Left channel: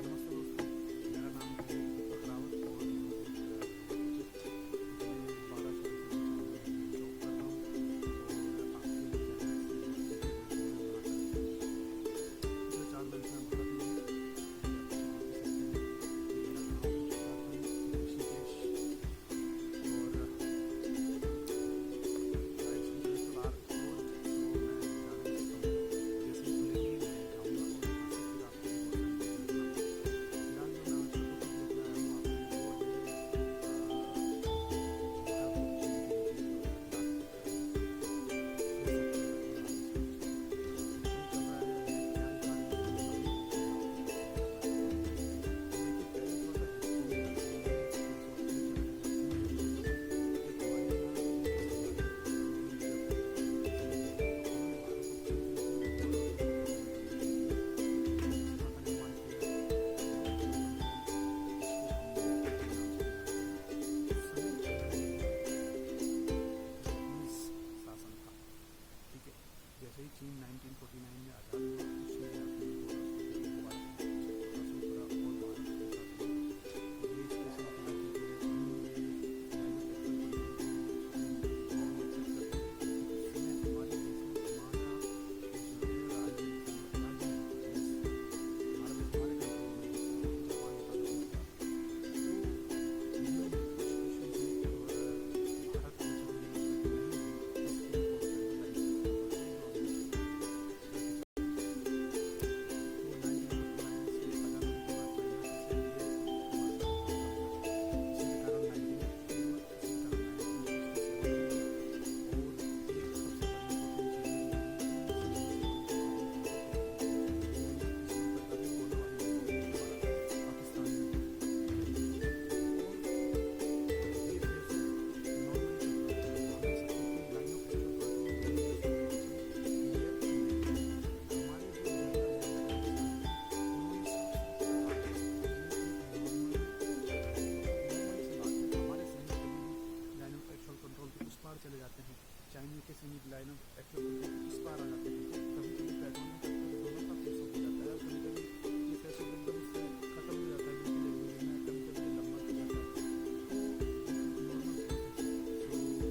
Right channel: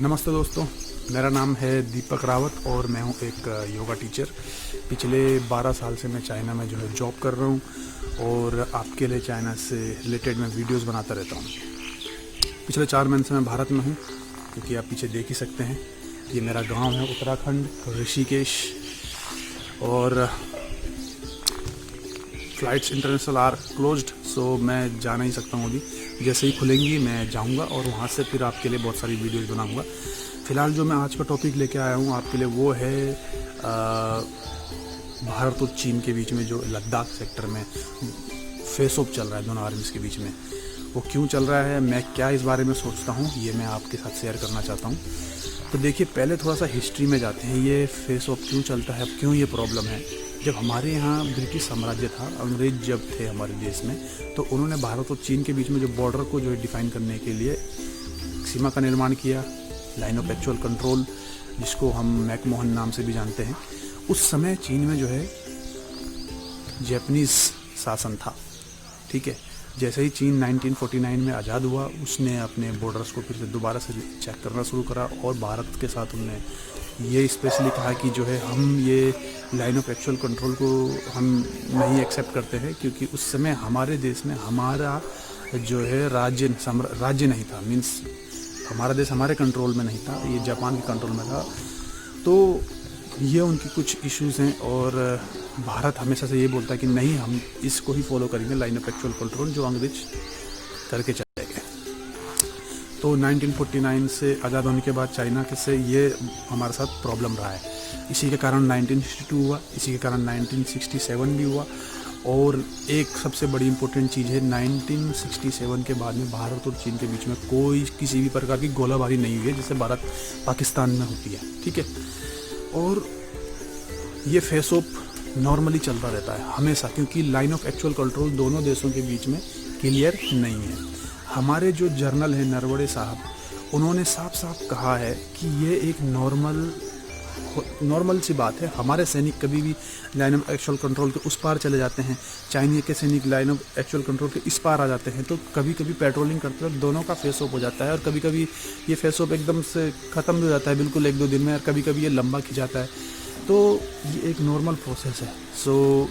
नमस्ते दोस्तों, मेरा नाम है दीपक रावत और मैं हूं एक योगा टीचर। पिछले 12 साल से मैं चाइना में जो है जॉब कर रहा हूं और आपके लिए चाइना से रिलेटेड मैं वीडियोस बनाता रहता हूं। पिछले 4 महीने से मैं भारत में हूं, क्योंकि आप पीछे देख ही सकते हैं ये मेरा गांव है उत्तराखंड ऋषिकेश। और फ़्लाइट्स इंटरनेशनल आर क्लोज्ड, सो मैं जा नहीं सकता हूँ अभी। जैसे ही खुलेंगी मैं जाऊँगा और वहाँ से फिर आपके लिए बहुत सारी वीडियोस बनाऊँगा। फ़िलहाल जो मैं आज का टॉपिक लेके आया हूँ आपके लिए वो है भारत और चीन के बीच में जो लद्दाख सेक्टर में फेस ऑफ चल रहा है दोनों आर्मीज़ के बीच में, वो क्यों चल रहा है, मैं क्या इस बारे में सोचता हूँ, ये मैं आपके साथ शेयर करना चाहता हूँ। तो देखिए, पहले थोड़ा सा हिस्ट्री में जाते हैं। ये फेस ऑफ क्यों चलता है, क्यों ये प्रॉब्लम है। जब हमारे यहाँ ब्रिटिश साम्राज्य था, अंग्रेज जब थे हमारे देश में, तो उन्होंने भारत और चीन के बीच में जो बॉर्डर को जो है डिफाइन करने के लिए सीमा का निर्माण किया, लाइन ऑफ एक्चुअल कंट्रोल, जिसको हम मैकमोहन नाम से भी जानते हैं। उस समय चीन में जो है जैपनीज़ शासन था, ठीक है। जैसे ही चीन 1949 में आज़ाद हुआ, उसने अपने बॉर्डर्स को फिर से दोबारा से चेक करना शुरू करा और भारत के साथ उन्होंने ये स्पेशली कहा कि जो है हम ये लाइन ऑफ एक्चुअल कंट्रोल को हम नहीं एक्सेप्ट करते हैं, क्योंकि उस समय हमारे देश में हमारा जो है राज्य नहीं था, मीन्स हमारा देश हमारे कंट्रोल में नहीं था, ये जापान के कंट्रोल में था। तो ये उनकी कुछ इश्यूज़ हैं और भारत हमेशा से ये बोलता है कि नहीं, हम इसको ही फॉलो करेंगे, लाइन ऑफ एक्चुअल कंट्रोल जो अंग्रेज करके चले गए। तो 1949 से आज़ाद होने के बाद चाइना से ये हमारे साथ प्रॉब्लम रहा है। इसी के कारण 1962 हुआ, इसी के कारण 1967 भी हुआ। और एक सबसे बड़ी इम्पोर्टेंट चीज़ है, 1967 के बाद में भारत और चीन के बीच में कोई किसी भी प्रकार की गोलाबारी नहीं हुई है, जैसे भारत पाकिस्तान में होती है, ठीक है। और ये फेस ऑफ नॉर्मली चलता रहता है हमेशा, क्योंकि लाइन ऑफ एक्चुअल कंट्रोल दोनों देशों के बीच में क्लियर नहीं है। हमारे जो जर्नल हैं नरवणे साहब, उन्होंने साफ साफ कहा है कि ये एक नॉर्मल सी बात है। हमारे सैनिक कभी भी लाइन ऑफ एक्चुअल कंट्रोल के उस पार चले जाते हैं, चाइनीज के सैनिक लाइन ऑफ एक्चुअल कंट्रोल के इस पार आ जाते हैं। तो कभी कभी पेट्रोलिंग करते वक्त दोनों का फेस ऑफ हो जाता है और कभी कभी ये फेस ऑफ एकदम से ख़त्म हो जाता है बिल्कुल 1-2 दिन में, और कभी कभी ये लंबा खिंचाता है। तो ये एक नॉर्मल प्रोसेस है। सो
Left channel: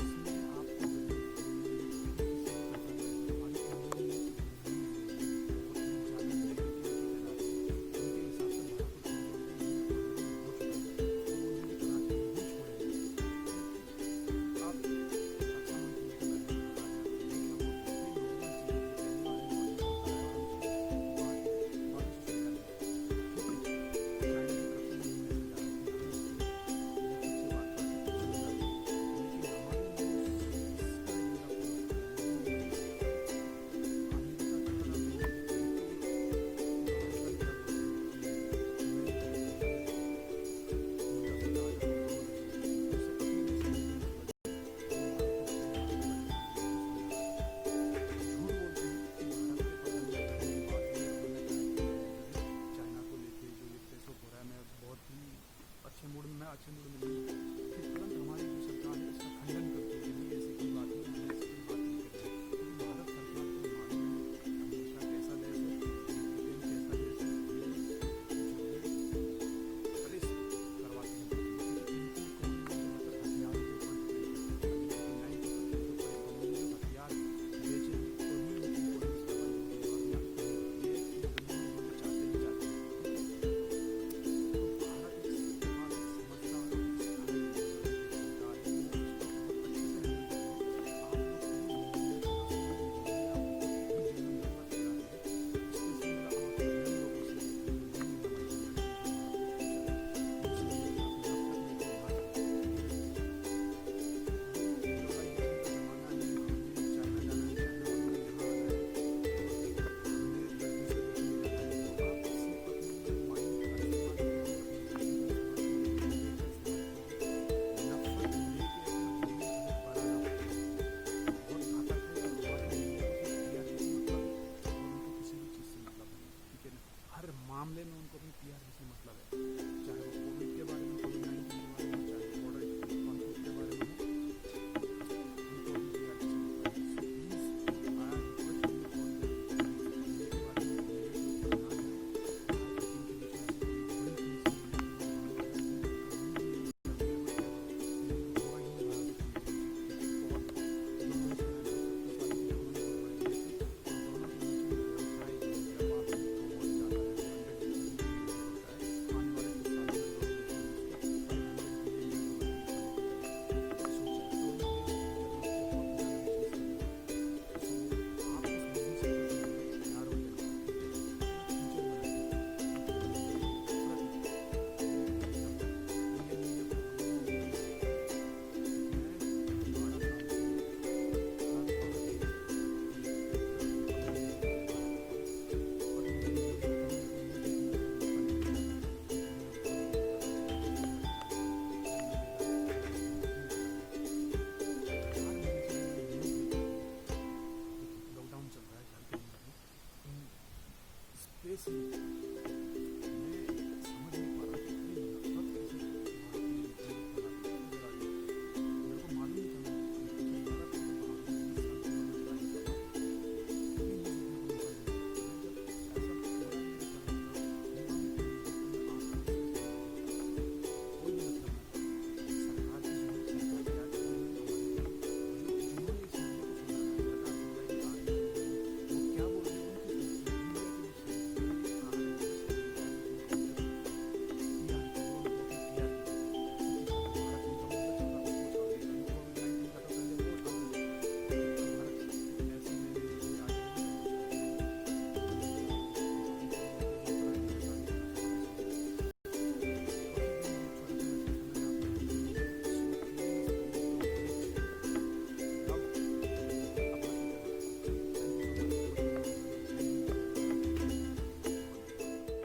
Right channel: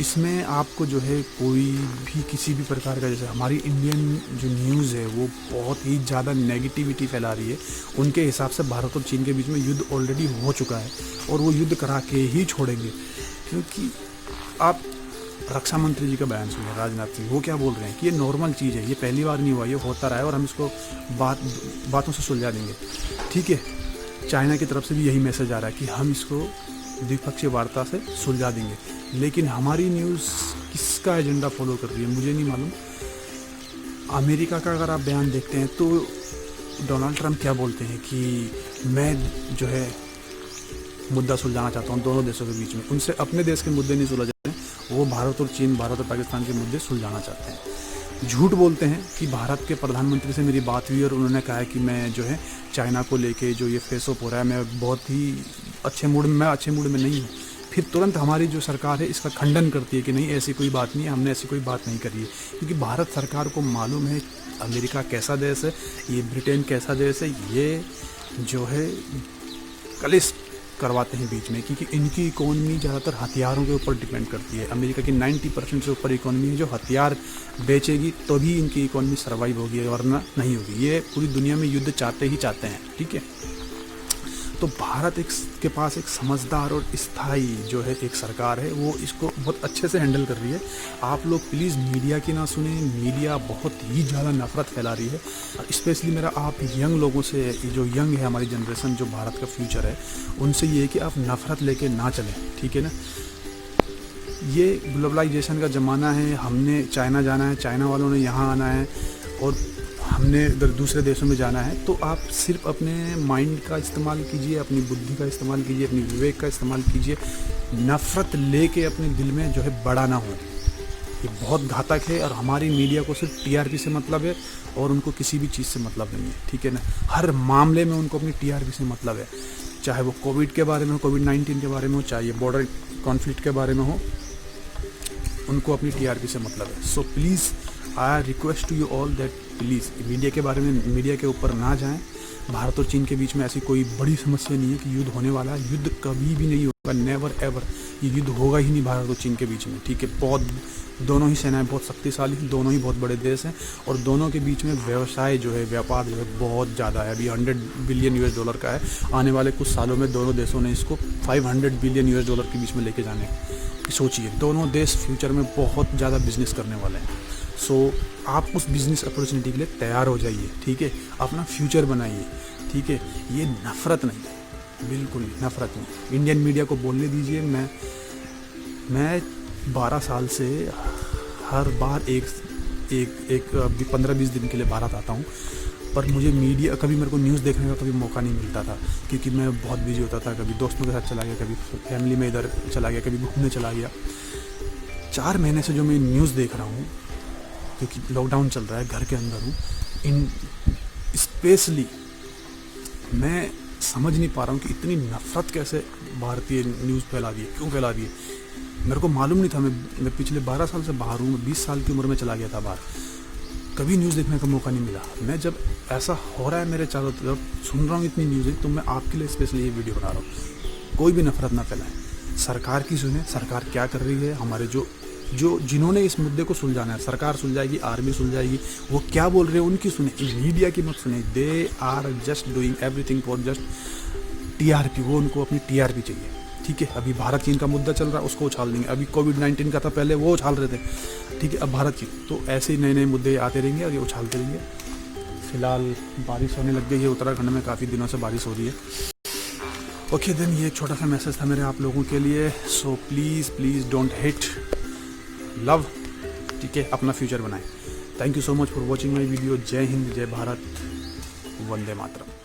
इसमें आपको जो है कोई भी किसी भी प्रकार का, जैसे हमारी इंडियन जो न्यूज़ है वो बहुत ही ज़्यादा नेगेटिविटी फैला रही है। उनके हिसाब से भारत और चीन के बीच में युद्ध ऑलरेडी हो चुका है और वो युद्ध करा के ही छोड़ेंगे। क्योंकि आप रक्षा मंत्री जी का बयान सुनिए, राजनाथ सिंह, वो क्या बोल रहे हैं कि ये नॉर्मल चीज़ है, ये पहली बार नहीं हुआ, ये होता रहा है और हम इसको बातों से सुलझा देंगे, ठीक है। चाइना की तरफ से भी यही मैसेज आ रहा है कि हम इसको द्विपक्षीय वार्ता से सुलझा देंगे। लेकिन हमारी न्यूज़ किसका एजेंडा फॉलो कर रही है मुझे नहीं मालूम। अमेरिका का अगर आप बयान देखते हैं तो डोनाल्ड ट्रंप क्या बोलते हैं कि मैं जो है मुद्दा सुलझाना चाहता हूँ दोनों देशों के बीच में। उनसे अपने देश के मुद्दे नहीं सुलझाते हैं, वो भारत और चीन, भारत और पाकिस्तान के मुद्दे सुलझाना चाहते हैं। झूठ बोलते हैं कि भारत के प्रधानमंत्री से मेरी बात हुई और उन्होंने कहा है कि मैं जो है चाइना को लेके जो ये फेस ऑफ हो रहा है, मैं बहुत ही अच्छे मूड में नहीं हूँ। फिर तुरंत हमारी जो सरकार है इसका खंडन करती है कि नहीं, ऐसी कोई बात नहीं है, हमने ऐसी कोई बात नहीं करी है। क्योंकि भारत सरकार को मालूम है अमेरिका कैसा देश है, ये ब्रिटेन कैसा देश है, ये जो है कलेश करवाते हैं बीच में, क्योंकि इनकी इकोनॉमी ज़्यादातर हथियारों के ऊपर डिपेंड करती है। अमेरिका की 90% से ऊपर इकोनॉमी है जो हथियार बेचेगी तभी इनकी इकोनॉमी सर्वाइव होगी, वरना नहीं होगी। ये पूरी दुनिया में युद्ध चाहते हैं, ठीक है। तो भारत के पास एक समझदार और स्थायी जो है एक सरकार है, वो इसको बहुत अच्छे से हैंडल कर रही है। आप लोग प्लीज़ मीडिया की ना सुने, मीडिया बहुत ही ज़्यादा नफरत फैला रही है। स्पेशली मेरा आप यंग लोगों से, जो यंग है हमारी जनरेशन, जो भारत का फ्यूचर है, उनसे ये है कि आप नफरत लेके ना चलें, ठीक है ना। ये ग्लोबलाइजेशन का ज़माना है, हमने चाइना जाना है, चाइना वालों ने यहाँ आना है और हमने इधर दूसरे देशों में जाना है। तो आप सिर्फ अपने माइंड का इस्तेमाल कीजिए, अपनी बुद्धि का इस्तेमाल कीजिए, अपनी विवेक का इस्तेमाल कीजिए। नफ़रत लेके अपने दिल में जो है बड़ा ना हो, ये बहुत घातक है। और हमारी मीडिया को सिर्फ टीआरपी से मतलब है और उनको किसी भी चीज़ से मतलब नहीं है, ठीक है ना। हर मामले में उनको अपनी टीआरपी से मतलब है, चाहे वो कोविड के बारे में हो, कोविड-19 के बारे में हो, चाहे बॉर्डर कॉन्फ्लिक्ट के बारे में हो, उनको अपनी टीआरपी से मतलब है। So please I request to you all that please media के बारे में, मीडिया के ऊपर ना जाएं। भारत और चीन के बीच में ऐसी कोई बड़ी समस्या नहीं है कि युद्ध होने वाला है। युद्ध कभी भी नहीं होगा, नेवर एवर। ये युद्ध होगा ही नहीं भारत और चीन के बीच में, ठीक है। बहुत दोनों ही सेनाएं बहुत शक्तिशाली हैं, दोनों ही बहुत बड़े देश हैं, और दोनों के बीच में व्यवसाय जो है, व्यापार जो है बहुत ज़्यादा है। अभी $100 बिलियन का है। आने वाले कुछ सालों में दोनों देशों ने इसको $500 बिलियन के बीच में लेके जाने की सोचिए। दोनों देश फ्यूचर में बहुत ज़्यादा बिजनेस करने वाले हैं। सो आप उस बिज़नेस अपॉर्चुनिटी के लिए तैयार हो जाइए, ठीक है। अपना फ्यूचर बनाइए, ठीक है। ये नफ़रत नहीं, बिल्कुल नफ़रत नहीं। इंडियन मीडिया को बोलने दीजिए। मैं 12 साल से हर बार एक 15-20 दिन के लिए भारत आता हूँ, पर मुझे मीडिया, कभी मेरे को न्यूज़ देखने का कभी मौका नहीं मिलता था, क्योंकि मैं बहुत बिजी होता था। कभी दोस्तों के साथ चला गया, कभी फैमिली में इधर चला गया, कभी घूमने चला गया। 4 महीने से जो मैं न्यूज़ देख रहा हूँ, क्योंकि लॉकडाउन चल रहा है, घर के अंदर हूँ, इन स्पेशली मैं समझ नहीं पा रहा हूँ कि इतनी नफ़रत कैसे भारतीय न्यूज़ फैला दी है, क्यों फैला दी है। मेरे को मालूम नहीं था। मैं पिछले 12 साल से बाहर हूँ, 20 साल की उम्र में चला गया था बाहर, कभी न्यूज़ देखने का मौका नहीं मिला। मैं जब ऐसा हो रहा है मेरे चारों तरफ, सुन रहा हूँ इतनी न्यूज़, तो मैं आपके लिए स्पेशली ये वीडियो बना रहा हूँ। कोई भी नफ़रत ना फैलाएं, सरकार की सुने, सरकार क्या कर रही है। हमारे जिन्होंने इस मुद्दे को सुलझाना है, सरकार सुलझाएगी, आर्मी सुलझाएगी, वो क्या बोल रहे हैं उनकी सुने, मीडिया की मत सुने। They are just doing everything for just TRP। वो उनको अपनी TRP चाहिए, ठीक है। अभी भारत चीन का मुद्दा चल रहा है, उसको उछाल देंगे। अभी कोविड-19 का था, पहले वो उछाल रहे थे, ठीक है। अब भारत चीन, तो ऐसे ही नए मुद्दे आते रहेंगे और ये उछालते रहेंगे। फिलहाल बारिश होने लग गई है उत्तराखंड में, काफ़ी दिनों से बारिश हो रही है। ओके देन, ये एक छोटा सा मैसेज था मेरे आप लोगों के लिए। So please don't hate, love, ठीक है। अपना फ्यूचर बनाएं। Thank you so much for watching my video. जय हिंद, जय भारत, वंदे मातरम।